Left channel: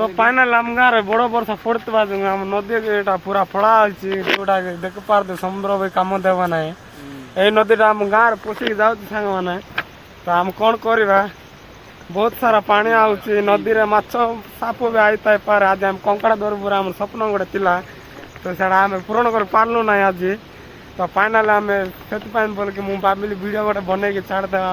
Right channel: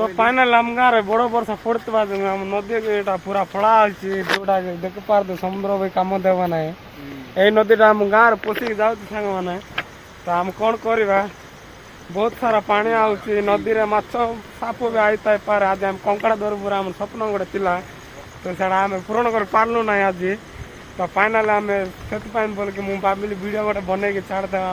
तो फाइनल आम गाँव बड़ वर्षा पड़ता जो आम नदी पूरा फड़ा जोटा देख पार समुद्र भी कम देव ना यही नदीटा आम गाँव पशिक जाऊँ सांग मैंने तो आम कौन करवा बहुत सारा पानी आउची नदी रे माछ साप भी आई पारे आज आम कंकड़ा धर पूरा आम स्वप्न गोटे थिला तो सेटा आम पूरण कर पार्लु ना आज तो फाइनाल आम से बोल कि मुझे भाविली वीडियो गोटे बनई छाड़दे